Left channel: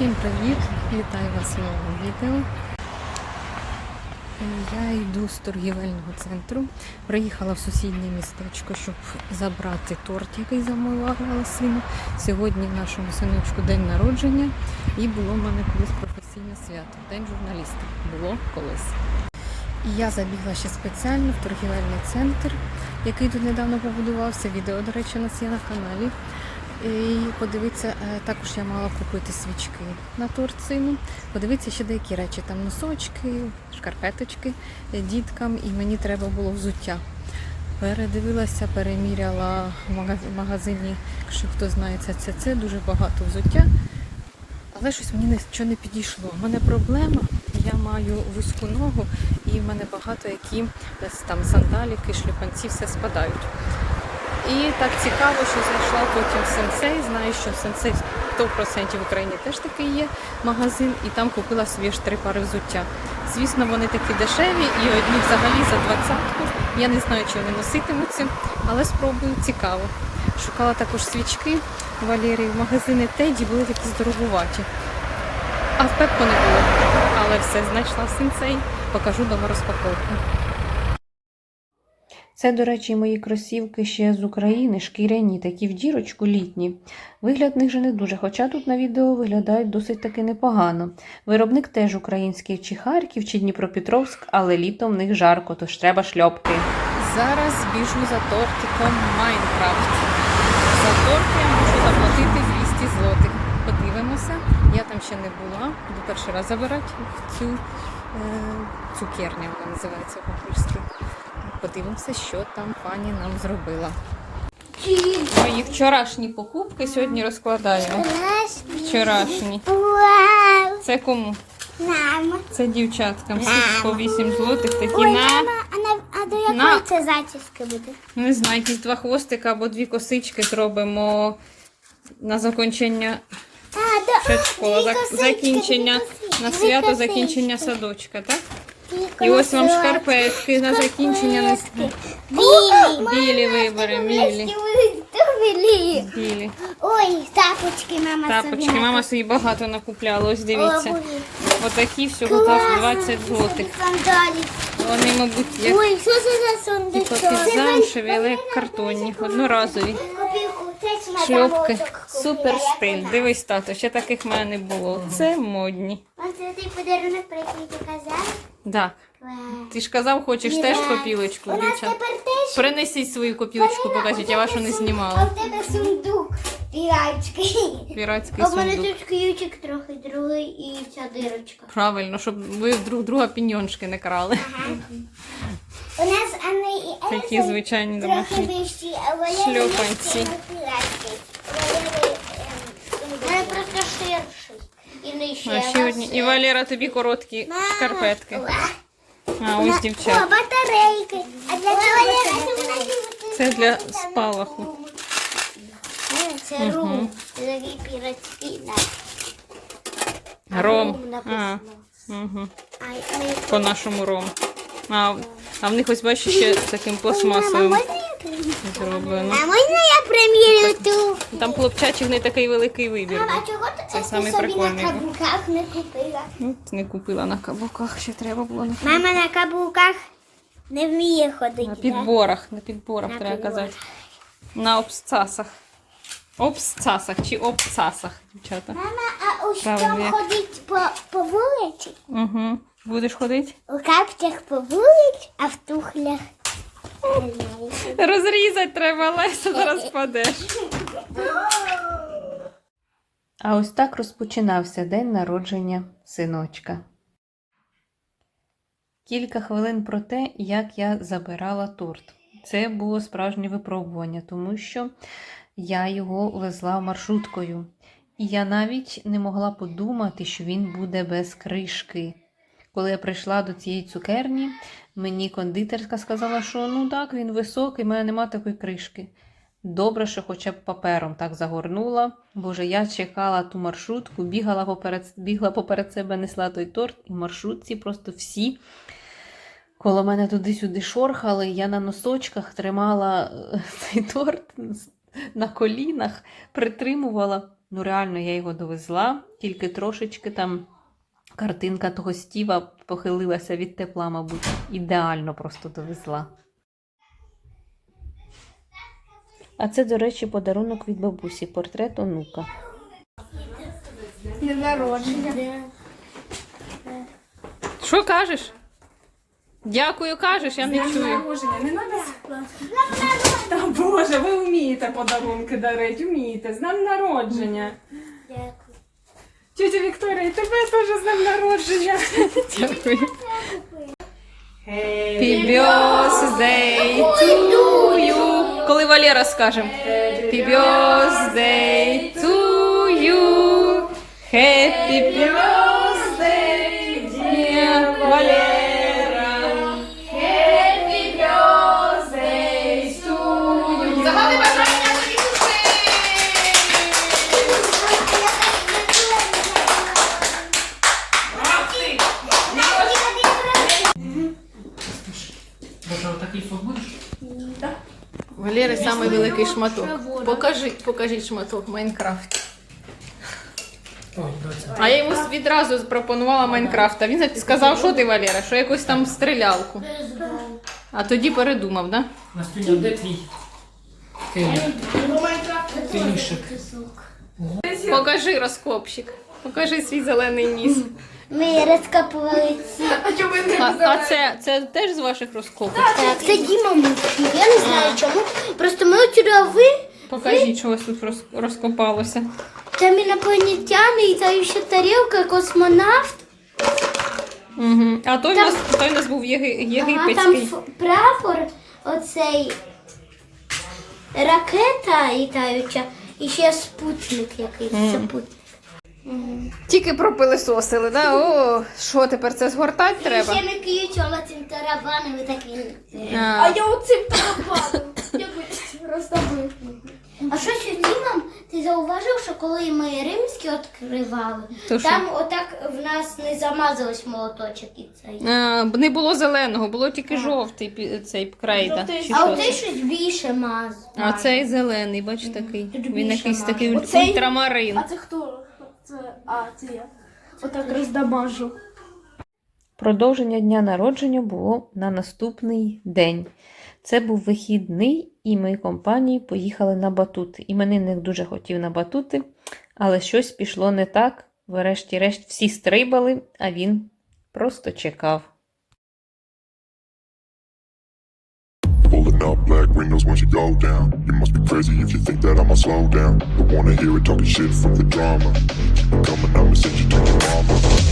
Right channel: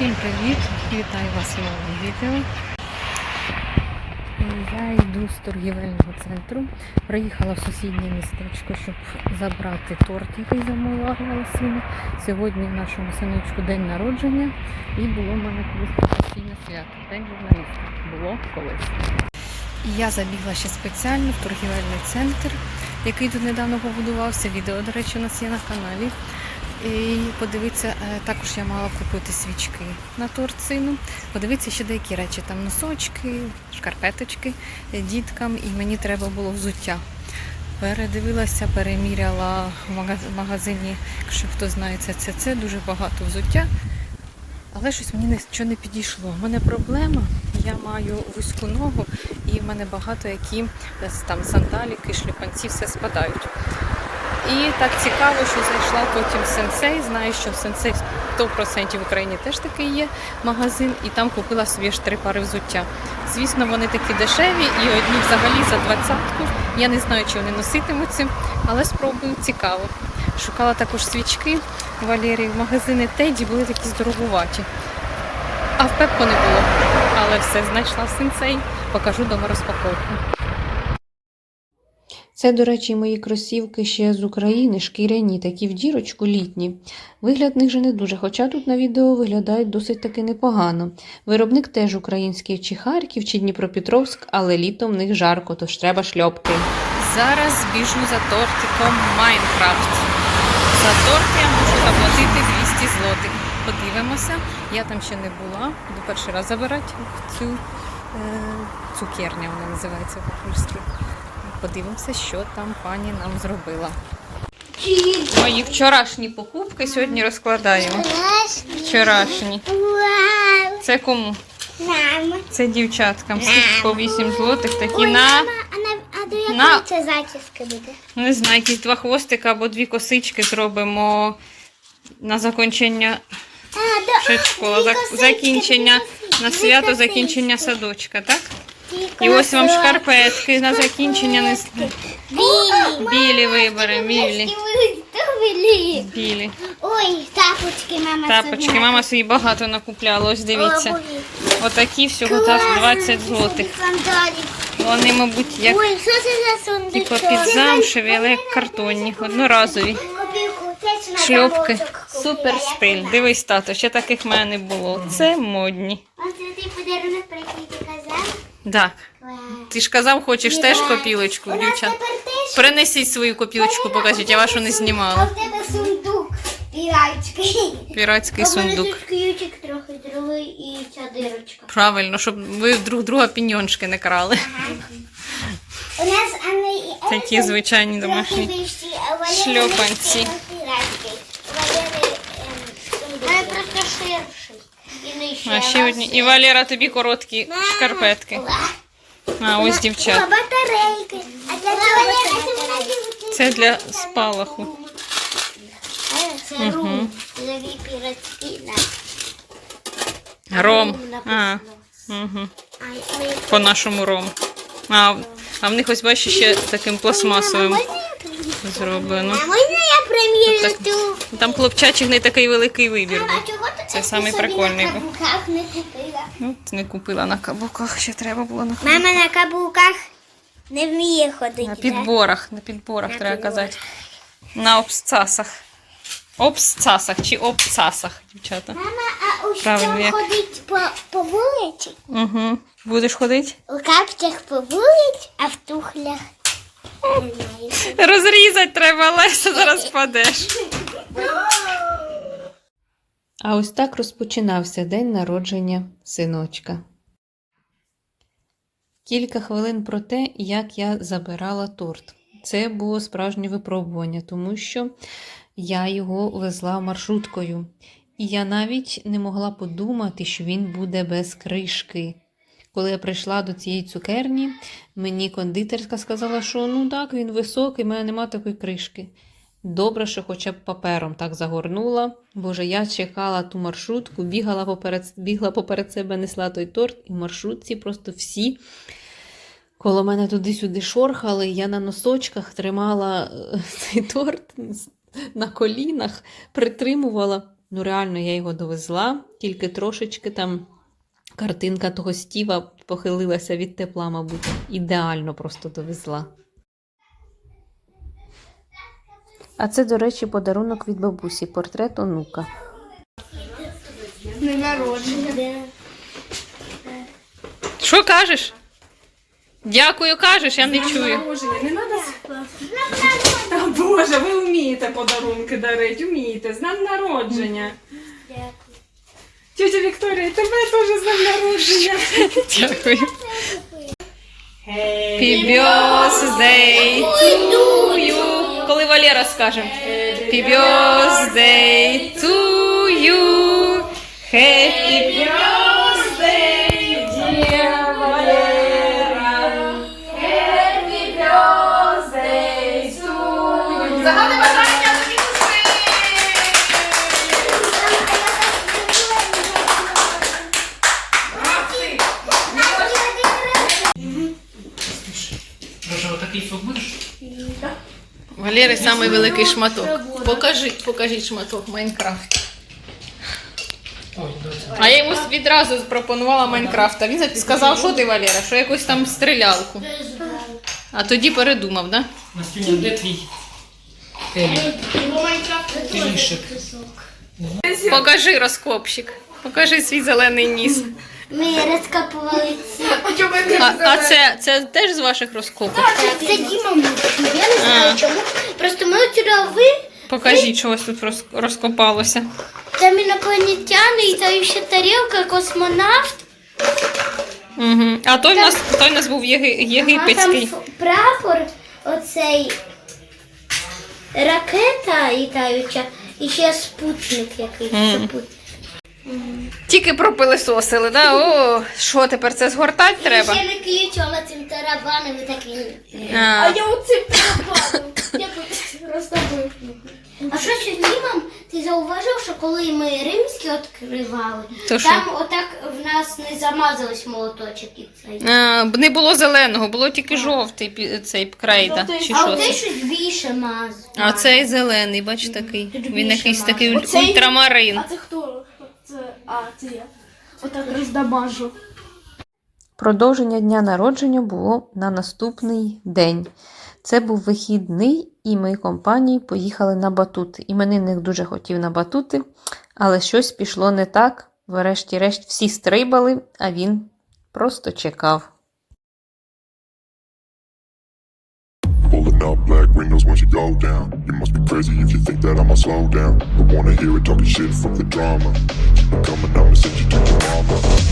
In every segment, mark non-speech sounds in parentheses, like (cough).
Всім привіт! Вітаю вас в новому відео. Я йду з торгівельного центру. Приїхала в сусіднє містечко, щоб забрати торт, який замовляла сину. Сьогодні нашому синочку день народження і було в мене колись професійне свято. День журналіста. Було колись. Я забігла ще спеціально в торгівельний центр, який тут недавно побудувався. Відео, до речі, у нас є на каналі. І подивитися, е, також я мала купити свічки на торт сину. Подивитися ще деякі речі, там носочки, шкарпеточки е, діткам, і мені треба було взуття. Передивилася, переміряла в магазині, якщо хто знає це, це, це дуже багато взуття. Але щось мені нічого не підійшло. У мене проблема, я маю вузьку ногу, і в мене багато які там сандаліки, шліпанці, все спадають. І так цікаво, що зайшла потім в сенсей. Знаю, що в сенсей 100% в Україні теж такий є магазин, і там купила собі аж три пари взуття. Звісно, вони такі дешеві, і одні взагалі за двадцятку. Я не знаю, чи вони носитимуться, але спробую цікаво. Шукала також свічки Валерії в магазини Теді були такі здоровуваті. А в Пепко не було. Але все знайшла в сенсей. Покажу дома розпаковку. Це, до речі, мої кросівки ще з України, шкіряні, такі в дірочку літні. Вигляд них же не дуже, хоча тут на відео виглядають досить таки непогано. Виробник теж український чи Харків, чи Дніпропетровськ, але літом в них жарко, тож треба шльопки. Зараз біжу за тортиком Майнкрафт. За торт я можу заплатити 200 злотих. Подивимося. Я там ще не була. Буду перший раз забирати цю е, цукерня, вона називається по-польськи. Подивимося, що там пані нам зробила. Мої вчорашні покупки сьогодні розкладаємо. Вчорашні. Це кому? Це дівчаткам. Скільки по 8 злотих, такі на, а, на, до якої це зачіски буде? не знаю, якісь два хвостика або дві косички зробимо на закінчення школа. Закінчення на свято закінчення садочка, так? І ось вам шкарпетки на закінчення не Білі. вибери, білі. Білі. Ой, тапочки мама Тапочки. собі Мама собі багато накупляла. Ось дивіться. Отакі всього та 20 злотих. Сандалі. Вони, мабуть, як Ой, що це за сундучок? типу але як картонні, одноразові. Копійку, це ж на Шльопки. замочок Супер стиль. Дивись, тато, ще таких в мене не було. Це модні. Оце ти подарунок, про який ти казав? Так. Ти ж казав, хочеш теж копілочку, дівчат. Принесіть свою копілочку, покажіть, я вашу не А знімала. в тебе сундук піратський. Піратський А сундук. тут ключик трохи другий і ця дирочка. Правильно, щоб ви друг друга піньоншки не крали. У нас Анна і Такі звичайні домашні а шльопанці. А ще одні. І Валера, тобі короткі шкарпетки. А ось дівчат. Батарейки. А для чого це? Для спалаху. Це рум. Ром. А, угу. По нашому ром. А, а в них ось бачиш ще таким пластмасовим зроблено. А можна я примірю ту? Там хлопчачих не такий великий вибір був. Це самий прикольний на був. каблуках не купила? От не купила на каблуках, ще треба було на Мама на каблуках не вміє ходити. На підборах, на підборах На треба підборах. казати. На обсцасах. Обсцасах чи обцасах, дівчата. Мама, а у що ходить по, по вулиці? Угу. Будеш ходити? У капцях по вулиці, а в тухлях. Розрізати треба, Леся, зараз впадеш. (laughs) А ось так розпочинався день народження синочка. Кілька хвилин про те, як я забирала торт. Це було справжнє випробування, тому що я його везла маршруткою. І я навіть не могла подумати, що він буде без кришки. Коли я прийшла до цієї цукерні, мені кондитерська сказала, що ну так, він високий, в мене нема такої кришки. Добре, що хоча б папером так загорнула. Боже, я чекала ту маршрутку, бігала поперед, бігла поперед себе, несла той торт, і маршрутці просто всі коло мене туди-сюди шорхали. Я на носочках тримала е, (laughs) цей торт на колінах, притримувала. Ну, реально, я його довезла, тільки трошечки там картинка того стіва похилилася від тепла, мабуть. Ідеально просто довезла. А це, до речі, подарунок від бабусі, портрет онука. Не народження. Що кажеш? Дякую, кажеш, я не чую. Не треба. Та Боже, ви вмієте подарунки дарити, вмієте. З днем народження. Дякую. Тетя Вікторія, тебе теж з днем народження. Дякую. Happy birthday to you. Коли Валера скаже. Happy birthday to самий великий шматок. Покажіть, покажіть шматок Майнкрафт. А я йому відразу запропонувала Майнкрафт. А він сказав, що ти, Валера, що якусь там стрілялку. А тоді передумав, да? Настюня, де твій? Покажи розкопщик. Покажи свій зелений ніс. Ми розкопували ці. А, а це, це теж з ваших розкопок? Це Діма мучив. Я не знаю А. чому. Просто ми от трави, Покажіть, що ось тут роз- розкопалося. там інопланетяни, і там ще тарілка, космонавт. Угу. А той в нас, той в нас був єги, Ага, єгипетський. там ф- прапор, оцей ракета літаюча, і ще спутник якийсь. Мгм. Спутник. Тільки пропилисосили, да? О, що тепер це згортати треба? Ще не киючила цим тарабаном і таким. А, я оцим тарабаном. Я би. А що ще Дімам, ти зауважив, що коли ми римські відкривали, То що? там отак в нас не замазалось молоточок і цей. а, не було зеленого, було тільки жовтий пі- цей крейда. Чи А що оте це? щось більше маз. А цей зелений, бач такий. Він більше якийсь такий уль- Оцей- ультрамарин. А це хто? А, це я. Отак роздамажу. Продовження дня народження було на наступний день. Це був вихідний, і ми компанії поїхали на батути. Іменинник дуже хотів на батути, але щось пішло не так. Врешті-решт всі стрибали, а він просто чекав. Up black windows once you go down. You must be crazy if you think that I'ma slow down. Don't wanna hear it talking shit, fuck the drama. Keep it coming, I'ma send you to your mama.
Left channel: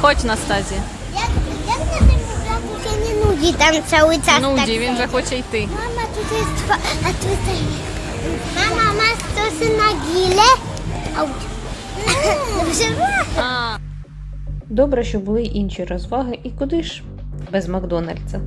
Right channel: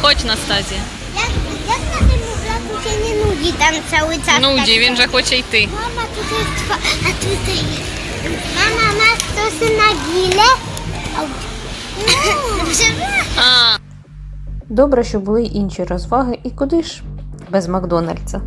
Хоч Настазія. Як, як на Стазі. ще не нуді, там цілий час. Нуді, він же хоче йти. Мама, тут є два, а тут є. Мама, у нас тут на гіле. Добре, що були й інші розваги, і куди ж без Макдональдса.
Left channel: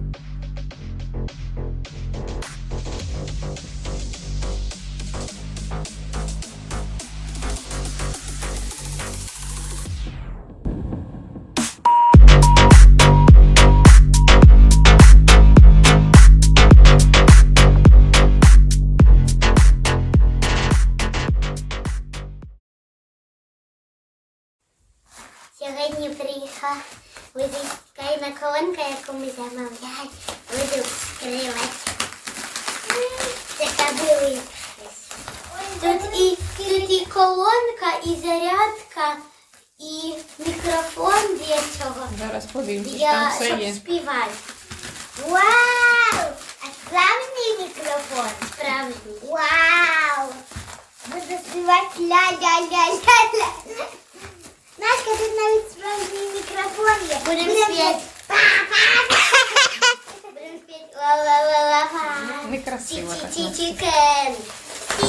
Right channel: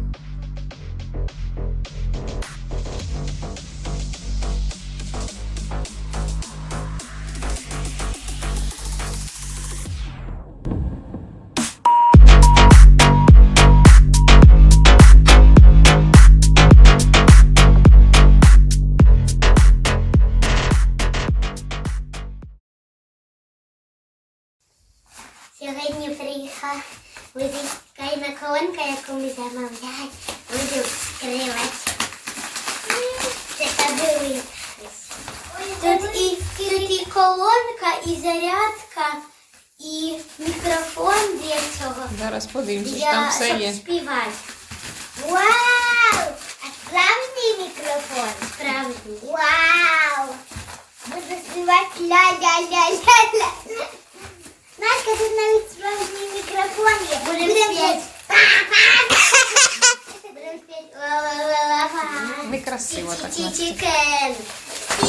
Приїхав Музикальна колонка, яку ми замовляємо. Буду відкривати. Це дивись. Тут і, тут і колонка, і зарядка, і мікрофон для цього. Зараз подивимося, що Я там все щоб є. співати. Вау! А справжній мікрофон? Справжній. Вау! Буду співати ля-ля-ля-ля-ля. Настя, тут навіть справжній мікрофон є. Будемо співати. Будемо співати ла-ла-ла-ла-ла. Некрасиво так. Чикен.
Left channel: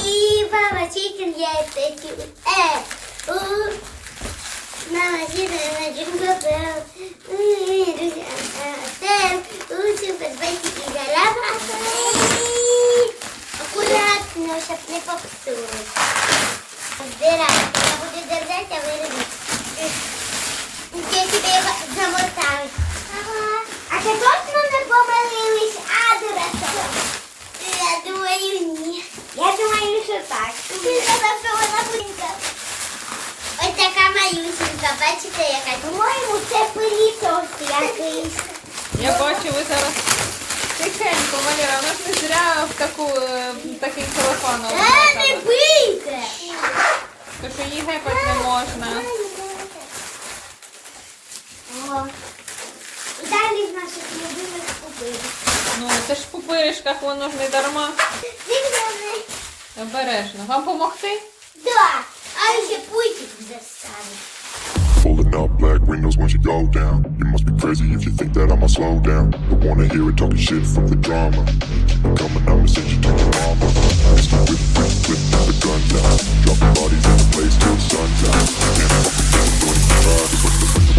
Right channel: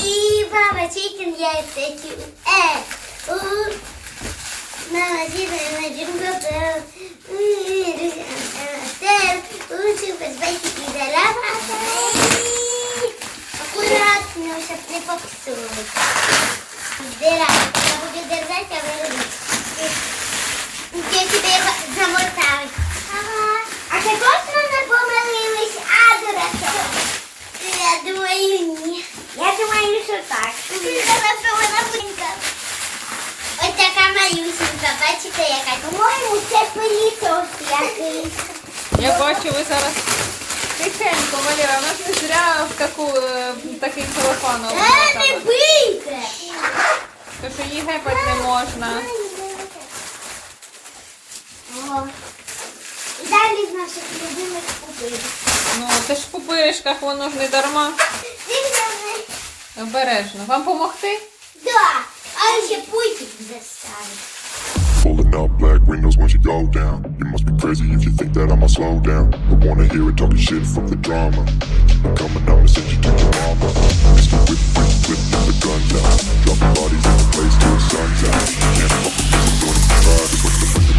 И баба чикен я чу. Э. У. На на чикен на джингл бел. Лучше и зарава. Аккуратно, щоб не попсуть. Збирай, я буду держать, а ви робіть. Я тебе замотаю. Ага. А ти точно не помилились, а, дурачок? Я думаю, ні. Я думаю, що так. Ось така малюсенька, бачите, яка. По-моєму, це пилісос якийсь. Я бачу, ви зараз тихенько, Валера, у нас не зря в таку, е, такий телефон. Е, не бийте! То що їй не можна. О. І далі з наших любимих купив. Ну, це ж в пупиришках, воно ж не дарма. Дивно, Обережно. Вам помогти? Да, а ще пультик заставить. Pulling up black windows once you go down. You must be crazy if you think that I'ma slow down. Don't wanna hear it talking shit from the drama. Keep it coming, I'ma send you to your mama. Mr. Whip, whip, whip, get the guns out. Dropping bodies in the place till the sun's out. Can't fuck with this, I'm going to try.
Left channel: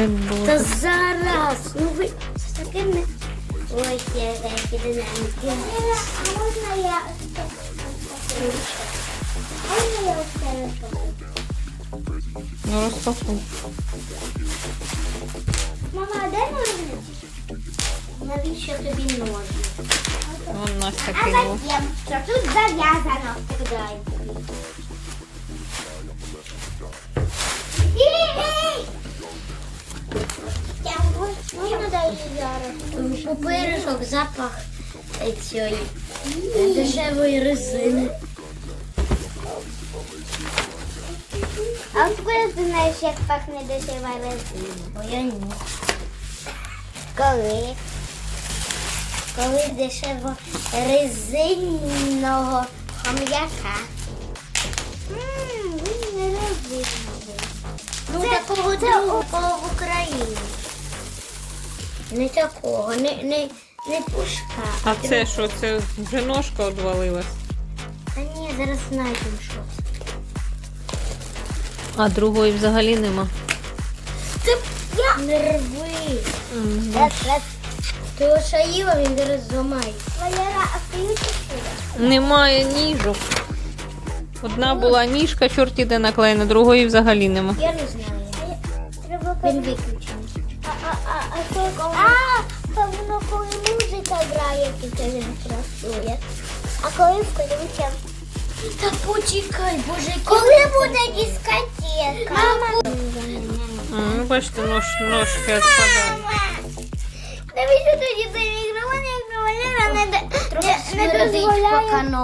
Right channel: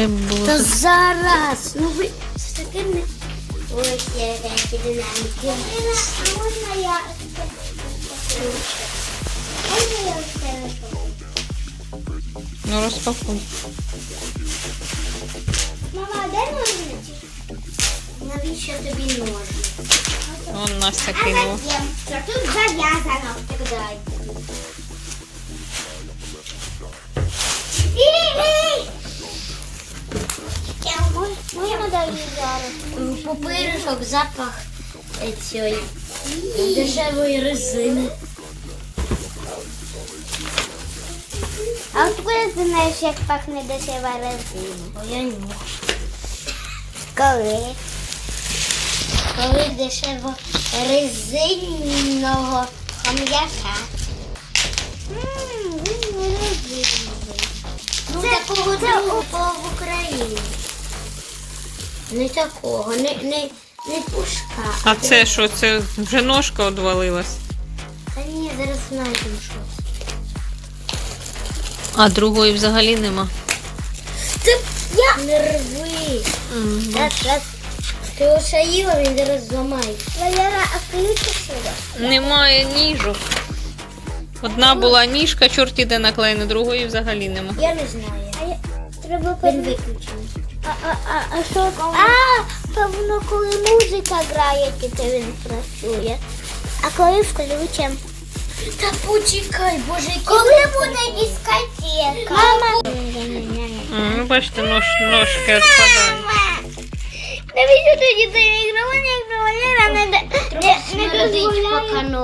Треба було. То зараз. Ну ви з динаміки. А можна я... Можна не Ну, розпакуй. Мама, де ножниці? Навіщо тобі ножниці? Вон Настя А кинула. зачем? Тут зав'язано? Дай. Пупиришок запах цієї дешевої резини. А от ви знаєш, як пахне дешева резина? Бо я ні. Коли? Коли дешево резинного хом'яка. Ммм, він не резиновий. Ну, такого другого в Україні. Не такого, не, не, не пушка. А це що? Це вже ножка одвалилась. Та ні, зараз знайдемо що. А другої взагалі нема. Це я не рви. Раз, раз. Ти ошаїла, він зараз зламає. Валера, а сюди. Немає ніжок. Одна була ніжка, чорті де наклеєна, другої взагалі нема. Я не знаю. Треба Він виключений. А, а, що коли? А, певно, коли музика грає, то він працює. А коли включимо? Та почекай, боже, коли буде дискотека? Мама. Ну, бачите, нож, ножки відпадають. Навіщо тоді цей мікрофон, як Валера не, не, не дозволяє?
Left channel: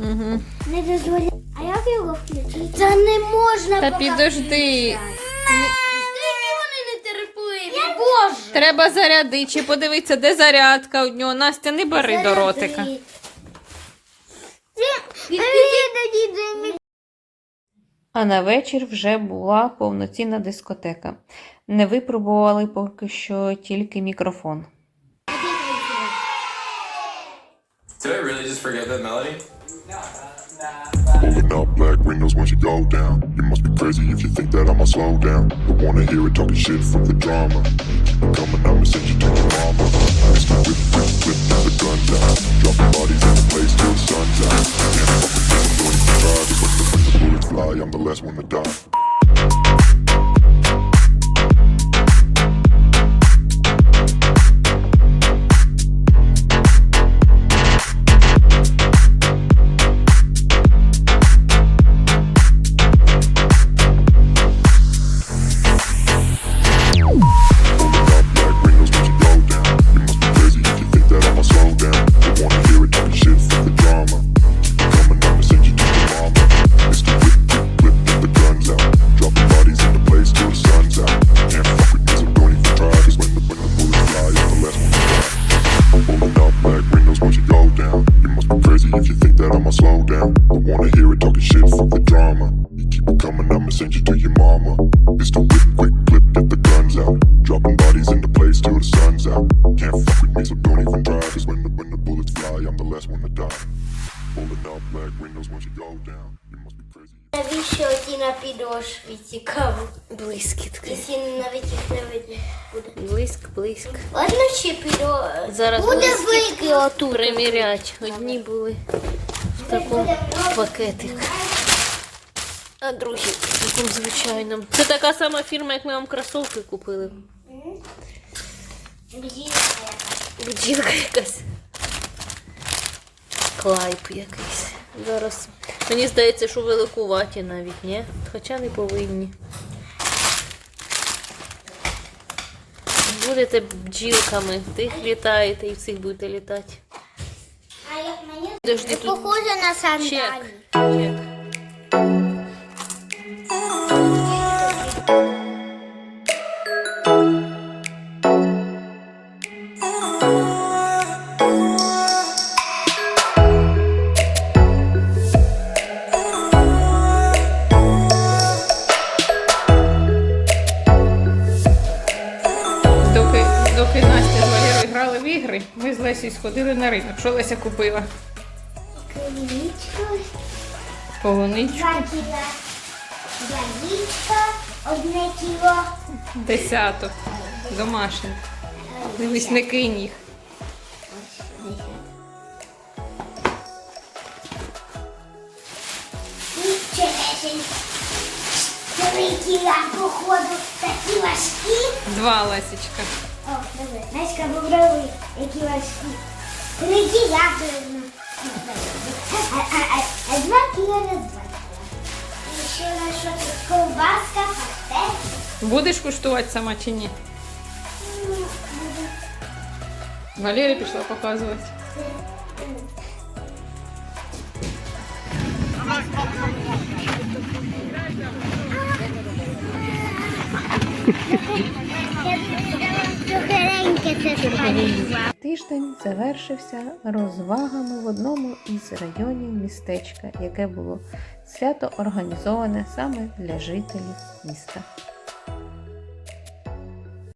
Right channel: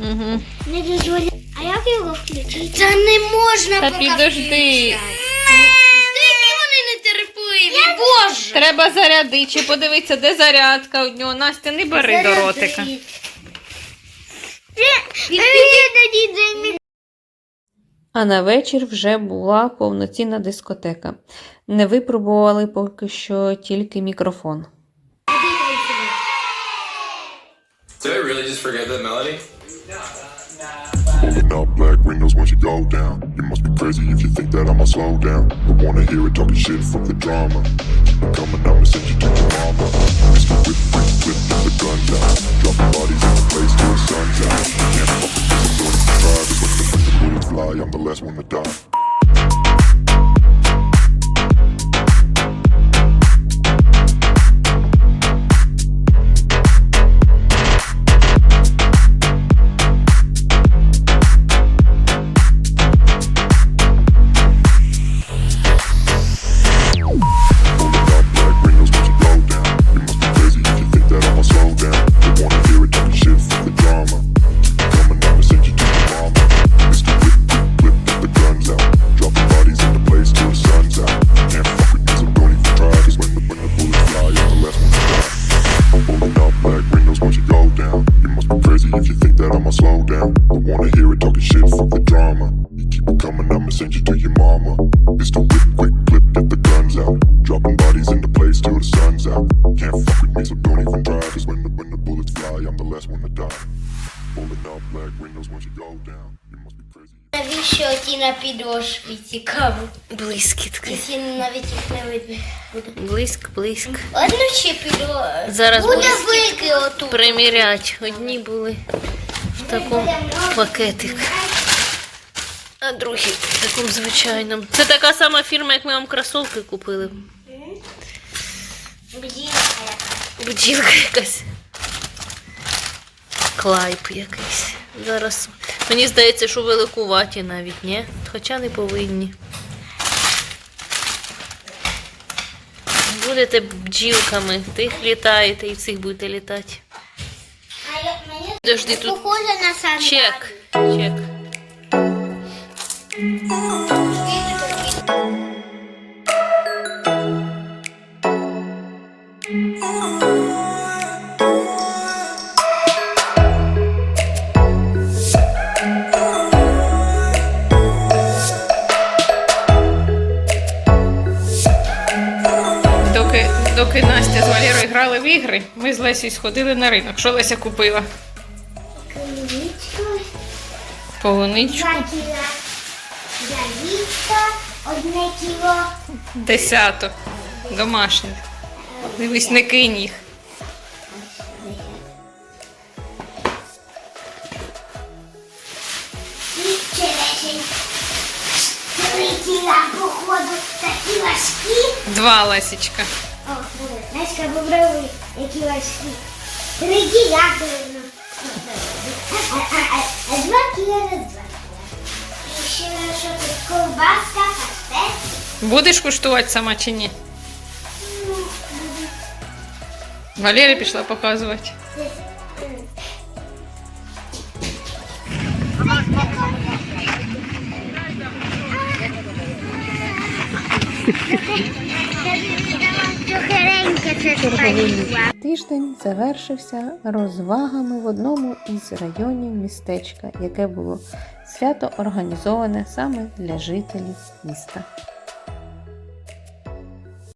Угу. Не дозволяє. А як його включити? Та не можна Та поки підожди. Які вони нетерпливі, боже! Треба зарядити, чи подивитися, де зарядка у нього. Настя, не бери до ротика. А на вечір вже була повноцінна дискотека. Не випробували поки що тільки мікрофон. Did I really just forget that melody? Pulling up black windows once you go down. You must be crazy if you think that I'ma slow down. Don't wanna hear it talking shit from the drama. Keep it coming, I'ma send you to your mama. Цікаво? Блискітки. Якщо навіть їх не видно буде. Блиск, блиск. Одну ще підо... Зараз буде буде отут. Примірять. Одні були в такому пакетик, а другі в такому звичайному. Це така сама фірма, як ми вам кросовки купили. Бджілка яка. Бджілка якась. Клайп якийсь. Зараз. Мені здається, що великуваті навіть, ні? Хоча не повинні. Будете бджілками, тих літаєте і всіх будете літати. А як мені Подожди, тут похоже на сандалі. чек. Чек. Доки Настя з Валерою грали в ігри, ми з Лесією сходили на ринок. Що Леся купила? Клубничку, Полуничку. два кіла ялівка, одне кіло. Десяток. Домашніх. Дивись, не кинь їх. І черешень. Три кіла, походу, такі важкі. Два Лесічка. О, добре. Настя, попробуй, які важкі. Три кіла, дивно. А, а, а, а два кіла на два кіла. І ще на що тут ковбаска, пастет. Будеш куштувати сама чи ні? Ну, буде. Валерія пішла показувати. Це. Тиждень завершився розвагами в одному із районів містечка, яке було свято організоване саме для жителів міста.